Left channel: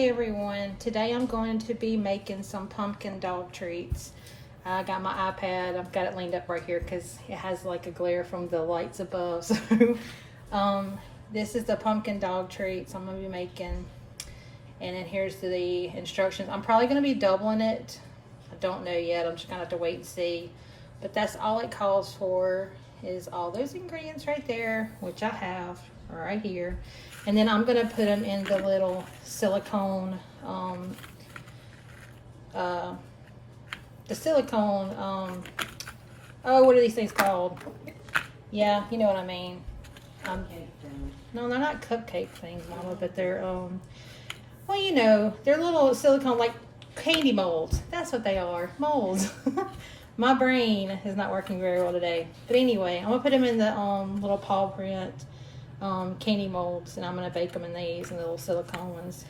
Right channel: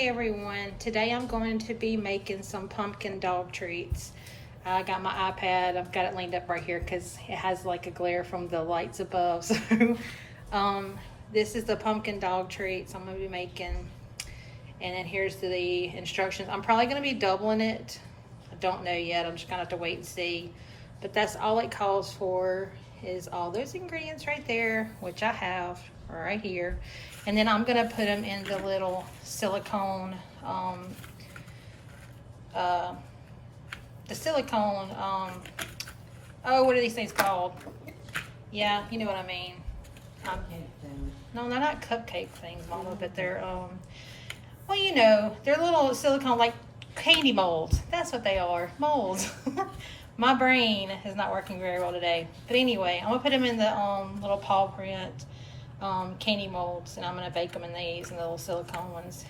Hey everyone, today I'm going to be making some pumpkin dog treats. I got my iPad, I've got it leaned up right here because it has like a glare from the lights above. So this is the pumpkin dog treats I'm going to be making. And then here's the instructions. I'm probably going to be doubling it. I don't know yet, I'm just going to have to wait and see. But that's all it calls for, is all those ingredients right there, which I have right here. And then I'm gonna put them in the little silicone, oh, what are these things called? Yeah, you know what I mean. No, they're not cupcake things, Mama, but they're, well, you know, they're little silicone, like candy molds. That's what they are, molds. My brain is not working very well today. But anyway, I'm gonna put them in the little paw print candy molds, and I'm gonna bake them in these, and the little silicone ones.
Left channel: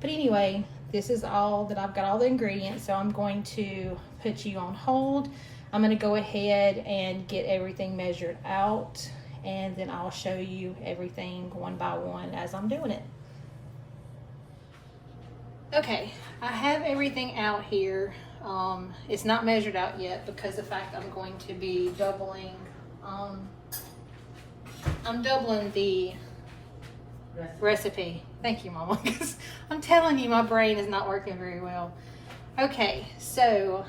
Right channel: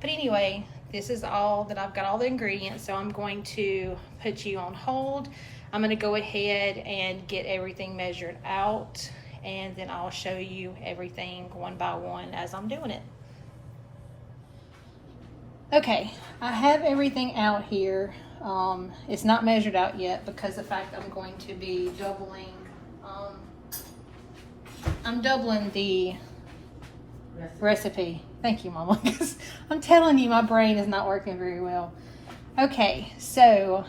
But anyway, this is all that I've got, all the ingredients. So I'm going to put you on hold. I'm gonna go ahead and get everything measured out, and then I'll show you everything one by one as I'm doing it. Okay, I have everything out here. It's not measured out yet because the fact I'm going to be doubling, I'm doubling the recipe. Thank you, Mama, because I'm telling you, my brain is not working very well. Okay, so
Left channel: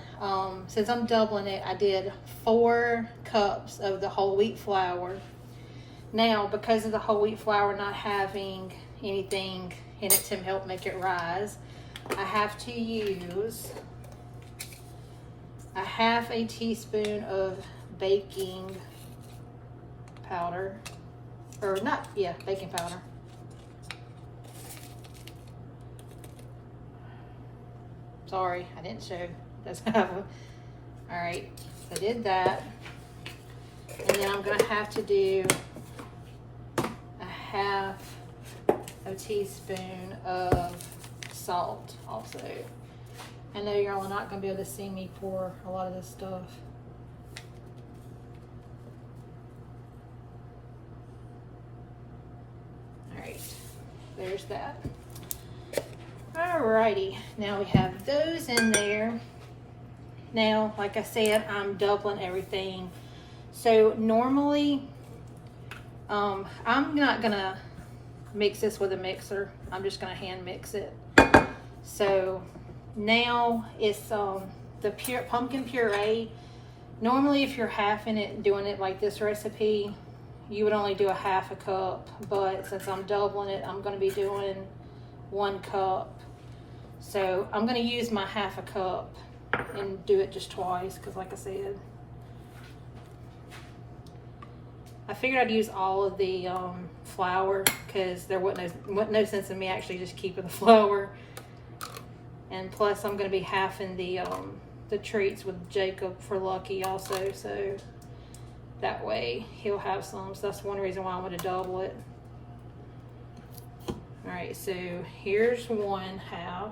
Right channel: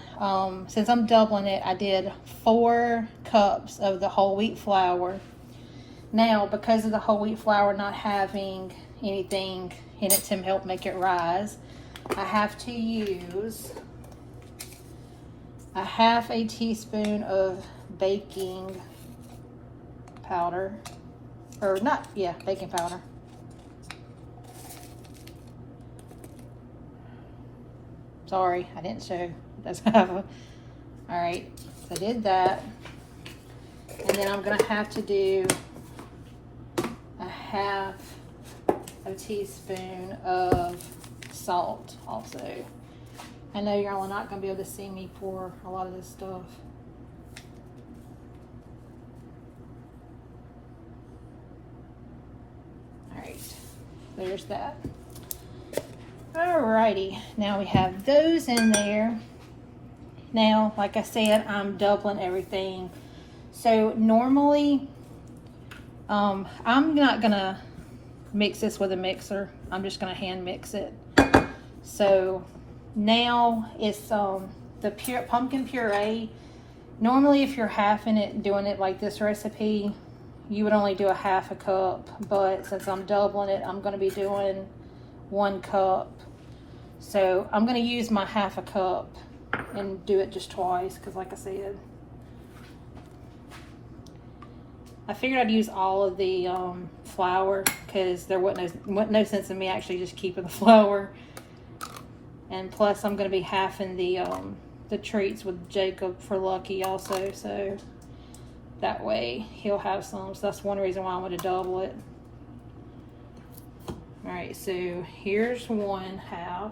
since I'm doubling it, I did 4 cups of the whole wheat flour. Now, because of the whole wheat flour not having anything in it to help make it rise, I have to use a half a teaspoon of baking powder, or not, yeah, baking powder. Sorry, I didn't show. That's all right, so I did that. And then I'm gonna have to do a half a teaspoon of salt also. I know y'all are not going to be able to see me pour a lot of this stuff. Alright, there's that. Alrighty, now we have those in there. Now, like I said, I'm doubling everything. So normally, I'm not going to mix this with a mixer. I'm just going to hand mix it. So now it's the pure pumpkin puree. Normally, if you're halving it and doing it like this recipe, you would only do a half a cup. But since I'm doubling it, I'm going to be doing 1 cup. So I'm going to use my half a cup and do it just twice, because like I said, I figured I'd use all of the flour, because there wasn't no sense in me actually just keeping the flour. And plus, I'm going to be halving the treats with Jacob for Lucky also, so that way he'll have some. So that's one reason why I want to double it. All right, so here's 1/2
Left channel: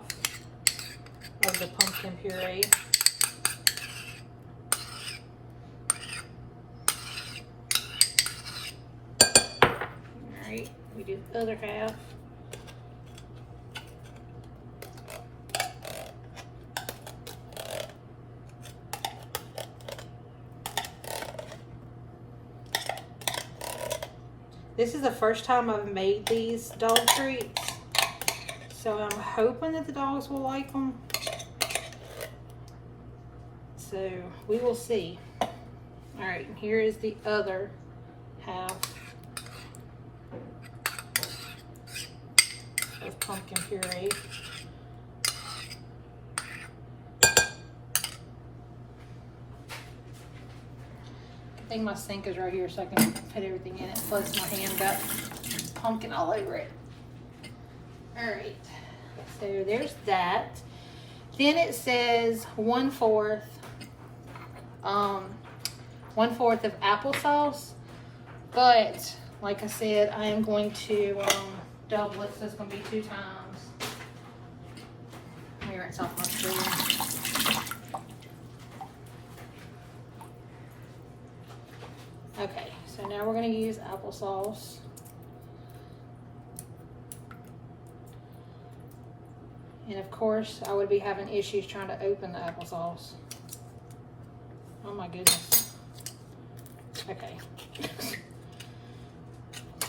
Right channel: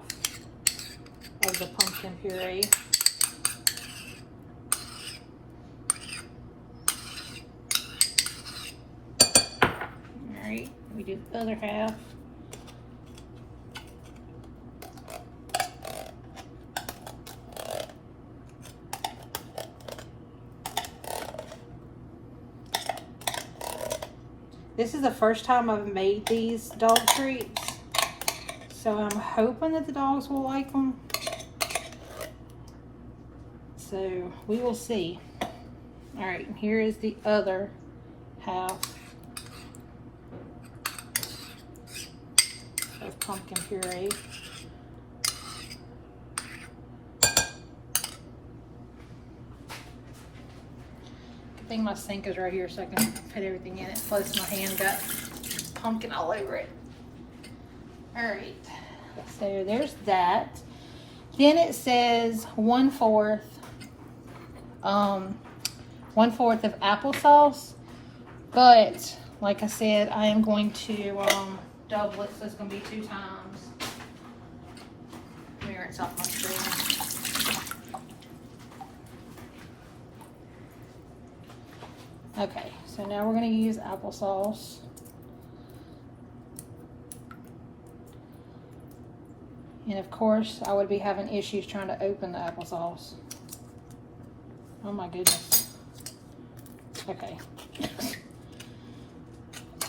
of the pumpkin puree. All right, we do the other half. This is the first time I've made these dog treats, so I'm hoping that the dogs will like them. So we will see. All right, here is the other half of pumpkin puree. I think my sink is right here so I can put everything in it. Plus my hand got pumpkin all over it. All right, so there's that. Then it says 1/4 of applesauce. But like I said, I am going to double it, so it's going to be 2 times. Let me rinse off my spoon. Okay, so now we're going to use applesauce. And of course, I would be having issues trying to open the applesauce. Oh my goodness. Okay.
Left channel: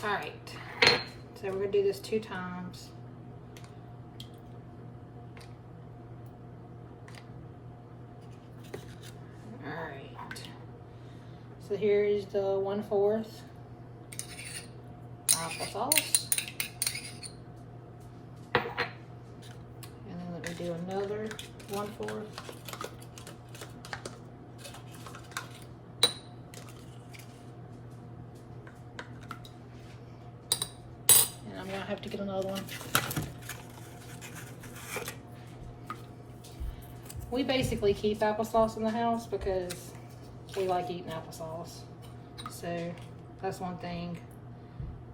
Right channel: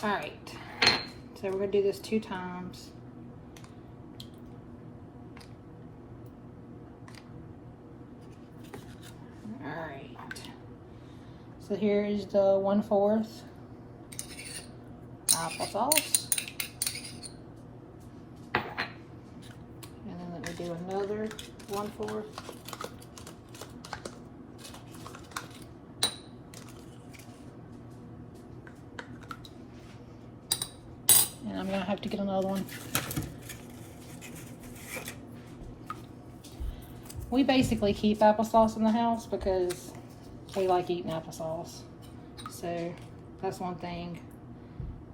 All right. So we're gonna do this 2 times. All right. So here is the 1/4 applesauce. And then let me do another 1/4. And I'm gonna have to get another one. We basically keep applesauce in the house because we like eating applesauce. So that's one thing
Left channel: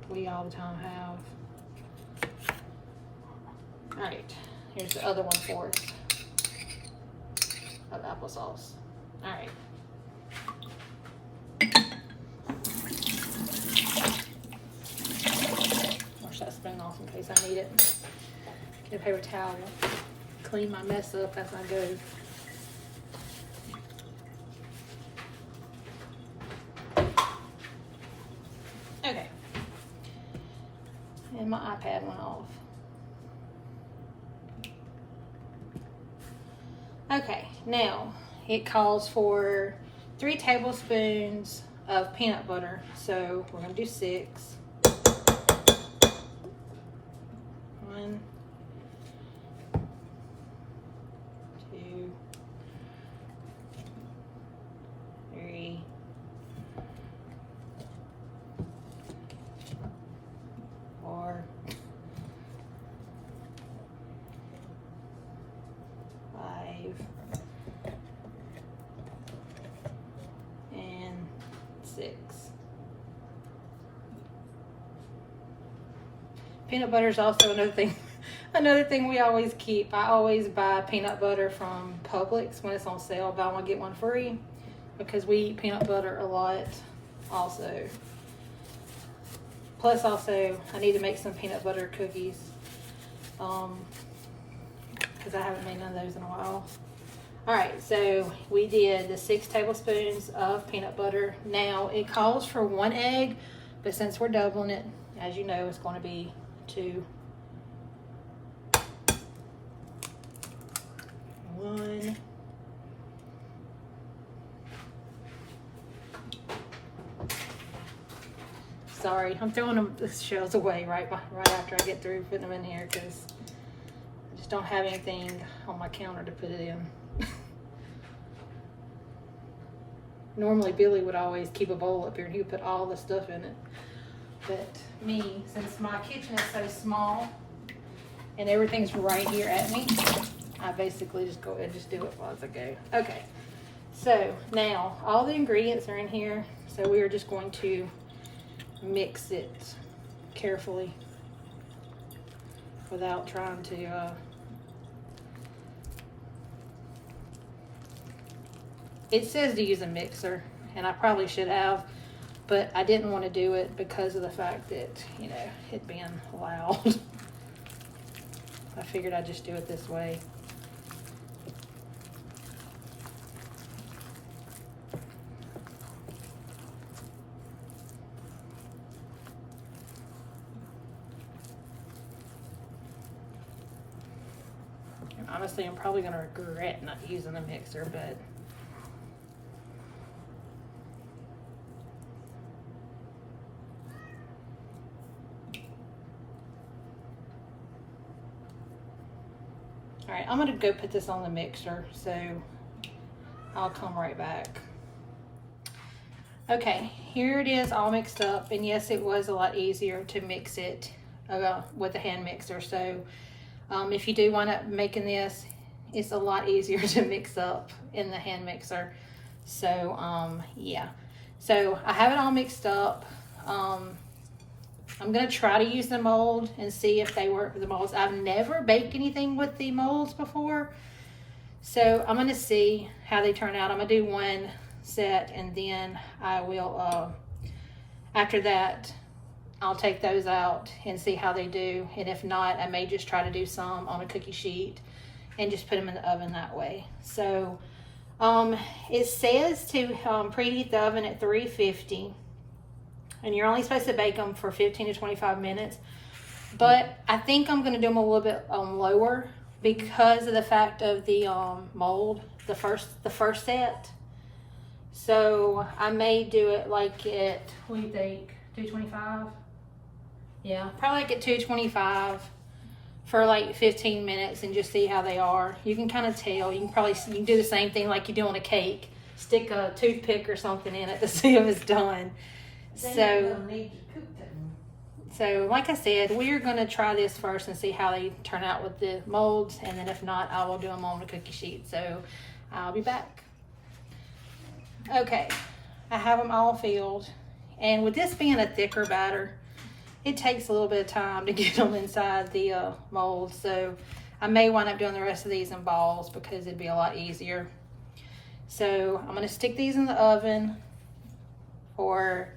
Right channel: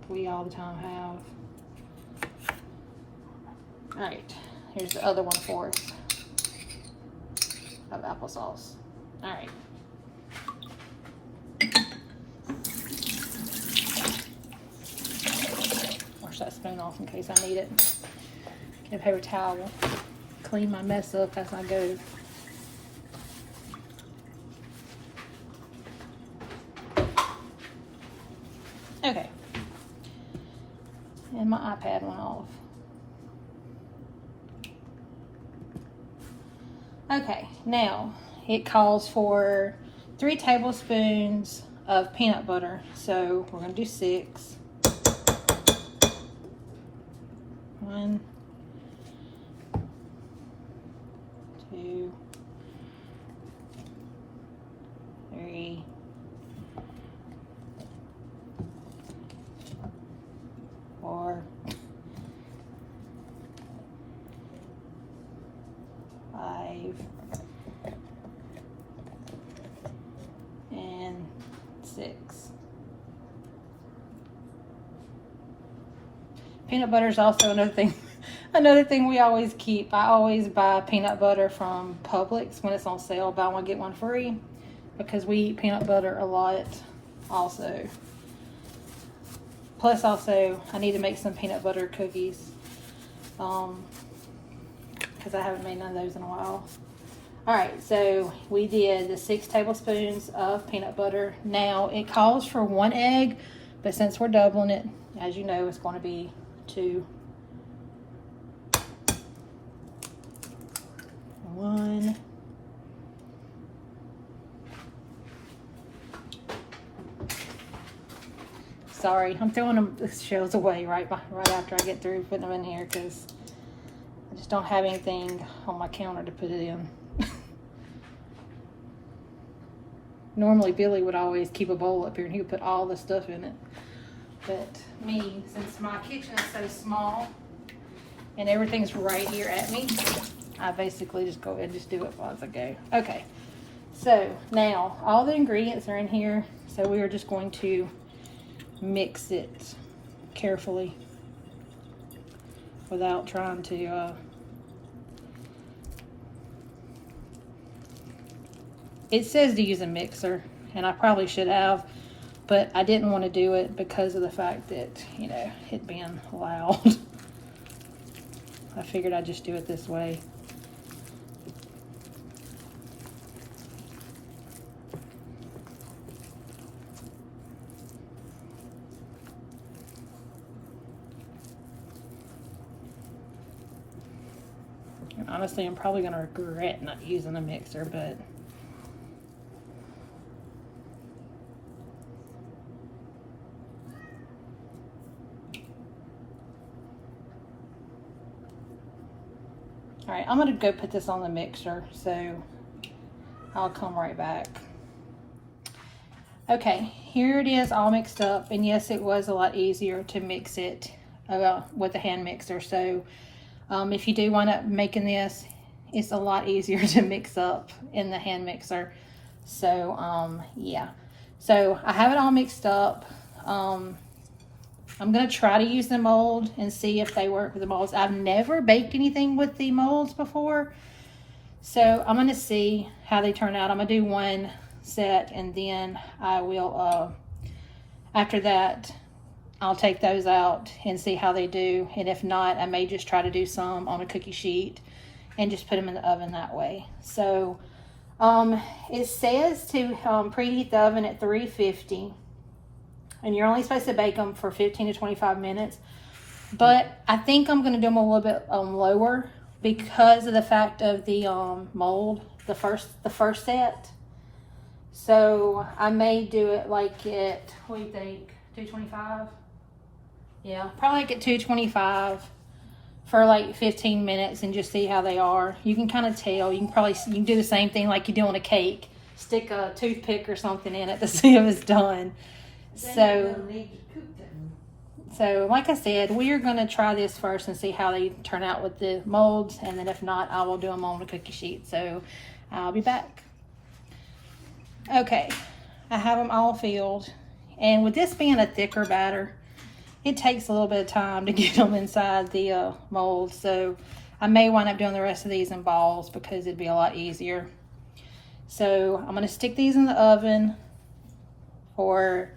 we all the time have. All right, here's the other 1/4 of applesauce. All right. Wash that spoon off in case I need it. Get a paper towel. Clean my mess up as I go. Okay. And my iPad went off. Okay, now it calls for 3 tablespoons of peanut butter. So we're gonna do 6. 1, 2, 3, 4, 5, and 6. Peanut butter is also another thing. Another thing we always keep. I always buy peanut butter from Publix when it's on sale. Buy one get one free, because we eat peanut butter a lot. Also, plus also I need to make some peanut butter cookies. Because I haven't made none of those in a while. Alright, so we did the 6 tablespoons of peanut butter. Now, it calls for 1 egg, but since we're doubling it, as you know, it's going to be 2. 1. Sorry, I'm throwing the shells away right after I get through putting them in here because I just don't have anything on my counter to put it in. Normally Billy would always keep a bowl up here and he would put all the stuff in it. But me, since my kitchen is so small and everything's right here at me, I basically just go ahead and just do it as I go. Okay, so now all the ingredients are in here. So we are just going to mix it carefully without trying to it says to use a mixer, and I probably should have, but I didn't want to do it because of the fact that, you know, it being loud. I figured I'd just do it this way. And honestly, I'm probably going to regret not using a mixer, but all right, I'm gonna go put this on the mixer, so I'll come right back. Okay, here it is all mixed up, and yes, it was a lot easier to mix it with a hand mixer. So if you do wind up making this, it's a lot easier to mix up in the hand mixer. So yeah, so I have it all mixed up. I'm gonna try to use the mold and see if they work with the molds. I've never baked anything with the molds before, so I'm gonna see how they turn out. I'm gonna do one set, and then I will after that I'll take those out and see how they do. And if not, I may just try to do some on a cookie sheet and just put them in the oven that way. So it says to preheat the oven at 350, and you're only supposed to bake them for 15 to 25 minutes. But I think I'm going to do them a little bit lower because of the fact of the mold, the first set. So I may do it like at, what do you think, 225? Yeah, probably like at 225 for like 15 minutes and just see how they are. You can kind of tell. You can do the same thing like you do on a cake. Stick a toothpick or something in it to see if it's done. So like I said, we are going to try this first and see how they turn out with the molds, and then if not, I will do them on a cookie sheet. So I'll be back. Okay, I have them all filled, and with this being a thicker batter, it takes a little bit of time to get them inside the mold. So I may wind up doing the rest of these in balls because it'd be a lot easier. So I'm going to stick these in the oven for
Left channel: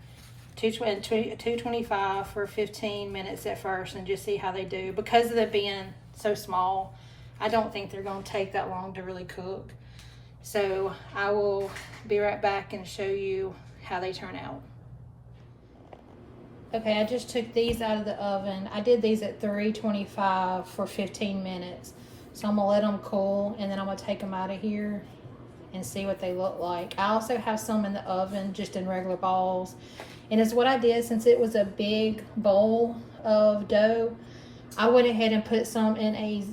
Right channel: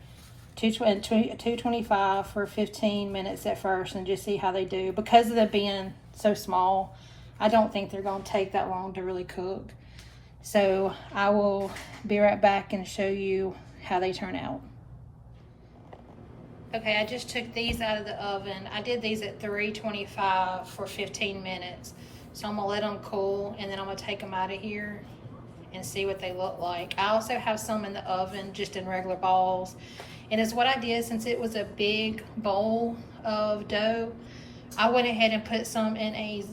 225 for 15 minutes at first and just see how they do. Because of them being so small, I don't think they're going to take that long to really cook. So I will be right back and show you how they turn out. Okay, I just took these out of the oven. I did these at 325 for 15 minutes. So I'm gonna let them cool, and then I'm gonna take them out of here and see what they look like. I also have some in the oven, just in regular balls. And it's what I did, since it was a big bowl of dough, I went ahead and put some in a,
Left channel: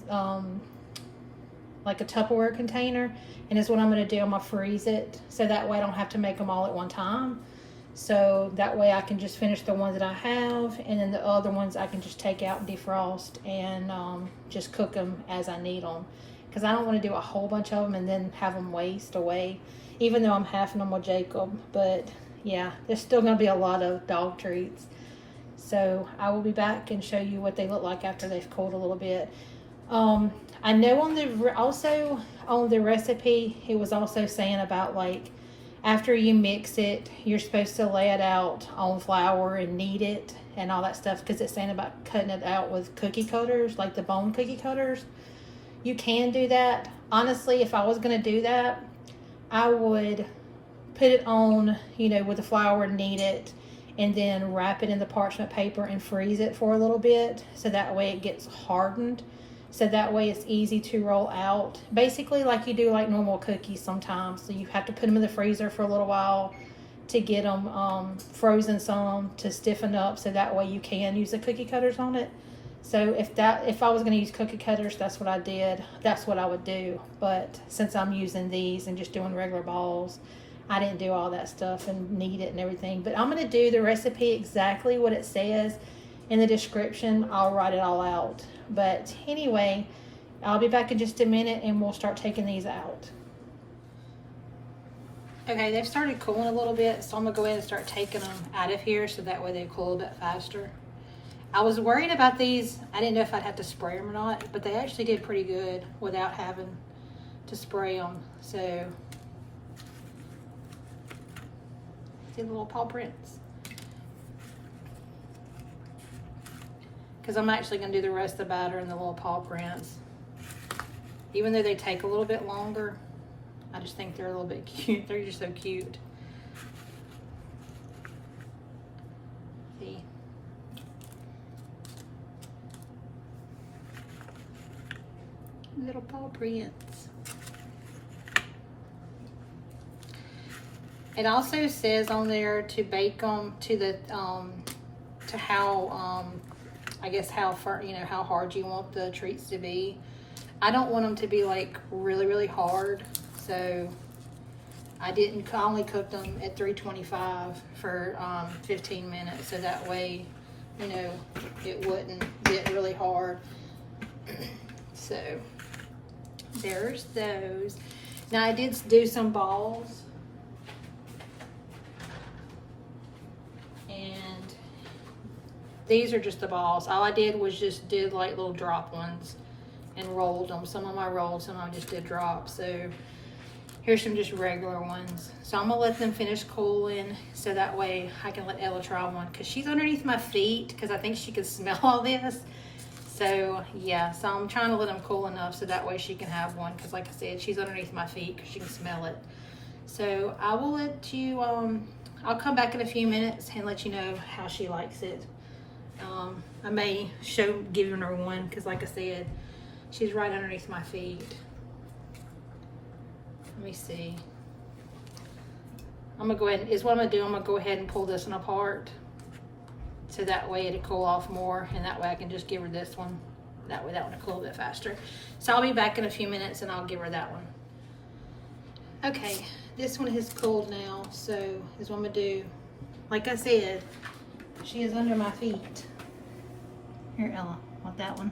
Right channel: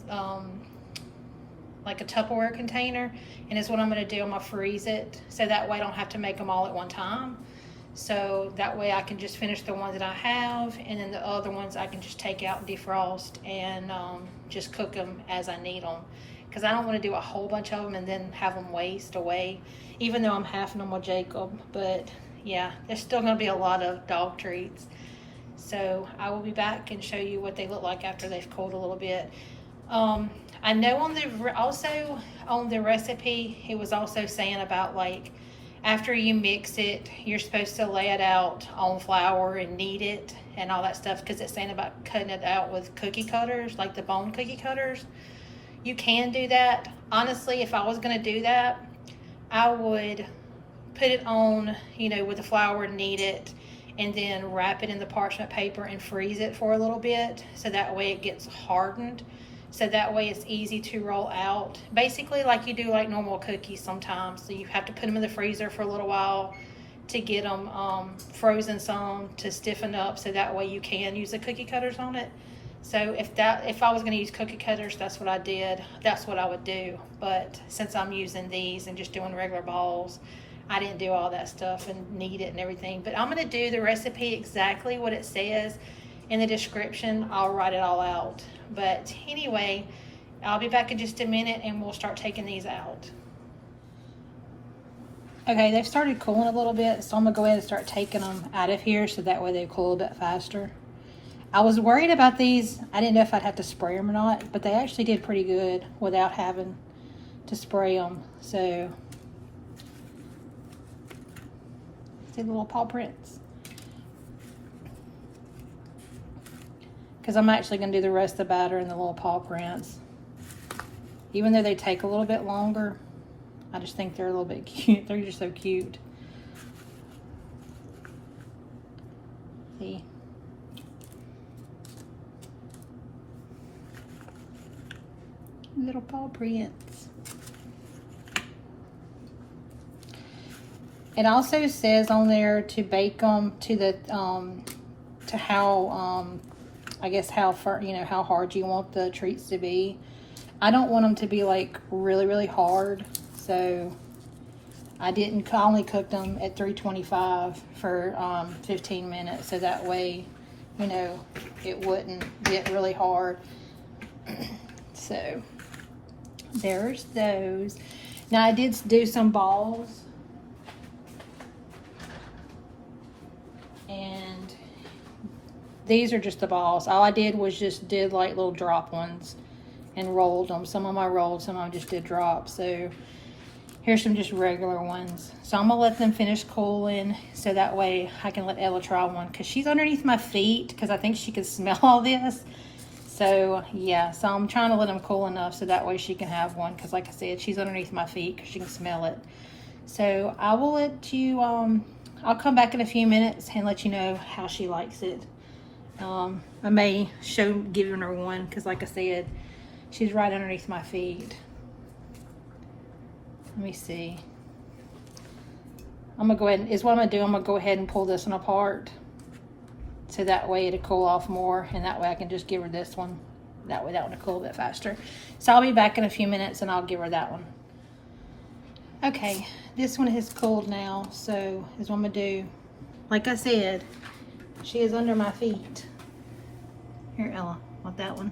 like a Tupperware container. And it's what I'm gonna do, I'm gonna freeze it. So that way I don't have to make them all at one time. So that way I can just finish the ones that I have, and then the other ones I can just take out and defrost and just cook them as I need them. Because I don't want to do a whole bunch of them and then have them waste away, even though I'm halving them with Jacob. But yeah, there's still going to be a lot of dog treats. So I will be back and show you what they look like after they've cooled a little bit. I know on the recipe, it was also saying about, like, after you mix it, you're supposed to lay it out on flour and knead it and all that stuff, because it's saying about cutting it out with cookie cutters, like the bone cookie cutters. You can do that. Honestly, if I was going to do that, I would put it on, with the flour, knead it, and then wrap it in the parchment paper and freeze it for a little bit, so that way it gets hardened. So that way it's easy to roll out. Basically like you do like normal cookies sometimes. So you have to put them in the freezer for a little while to get them frozen some to stiffen up, so that way you can use the cookie cutters on it. So if I was gonna use cookie cutters, that's what I did. That's what I would do. But since I'm using these and just doing regular balls, I didn't do all that stuff and knead it and everything. But I'm gonna do the recipe exactly what it says in the description. I'll write it all out. But anyway, I'll be back in just a minute and we'll start taking these out. Okay, they've started cooling a little bit, so I'm gonna go ahead and start taking them out of here so that way they cool a bit faster. I was worried about these. I didn't know if I'd have to spray them or not, but they actually did pretty good without having to spray them. So, see the little paw prints? Because I'm actually going to do the rest of the batter in the little paw prints. Even though they take a little bit longer, I just think they're a little bit cute. They're just so cute. See? Little paw prints. It also says on there to bake them to the to how I guess how far, how hard you want the treats to be. I don't want them to be like really, really hard. So I only cooked them at 325 for 15 minutes. So that way, it wouldn't get really hard. So there's those. Now I did do some balls. These are just the balls. All I did was just did like little drop ones and rolled them. Some of them I rolled, some of them just did drops. So Here's some just regular ones. So I'm gonna let them finish cooling so that way I can let Ella try one because she's underneath my feet because I think she can smell all this. So yeah, so I'm trying to let them cool enough so that way she can have one because like I said, she's underneath my feet because she can smell it. So I will let you, I'll come back in a few minutes and let you know how she likes it. I may show giving her one because like I said, she's right underneath my feet. Let me see. I'm gonna go ahead and, is what I'm gonna do, I'm gonna go ahead and pull this one apart. So that way it'll cool off more and that way I can just give her this one. That way that one will cool a bit faster. So I'll be back in a few minutes and I'll give her that one. Okay, this one has cooled now, so is what I'm gonna do. Like I said, she is under my feet. Here, Ella, want that one?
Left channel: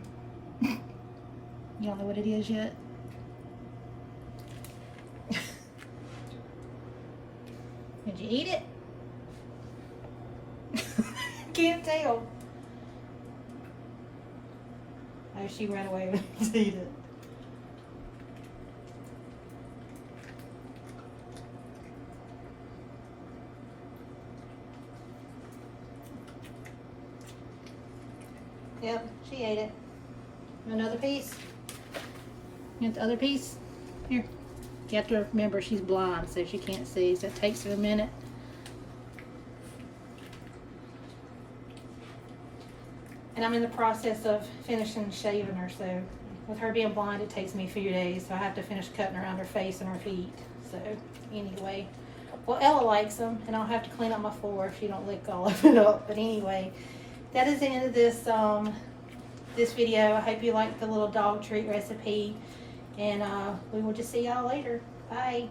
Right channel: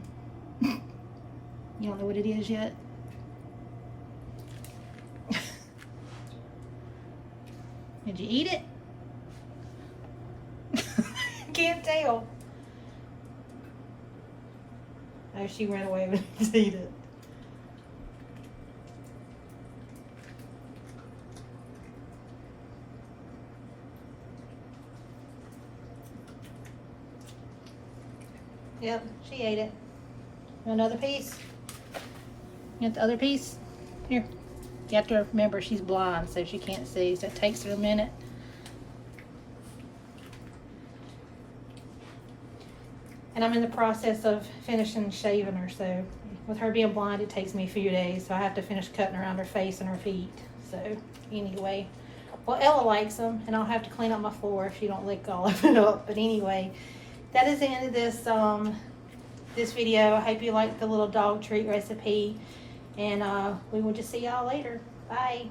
You don't know what it is yet? Did you eat it? Can't tell. Oh, she ran away with to eat it. Yep, she ate it. Another piece? You want the other piece? Here. You have to remember she's blind, so she can't see, so it takes her a minute. And I'm in the process of finishing shaving her, so with her being blind, it takes me a few days, so I have to finish cutting around her face and her feet. So anyway, well, Ella likes them, and I'll have to clean up my floor if she don't lick all of it up. But anyway, that is the end of this this video. I hope you liked the little dog treat recipe, and we will just see y'all later. Bye.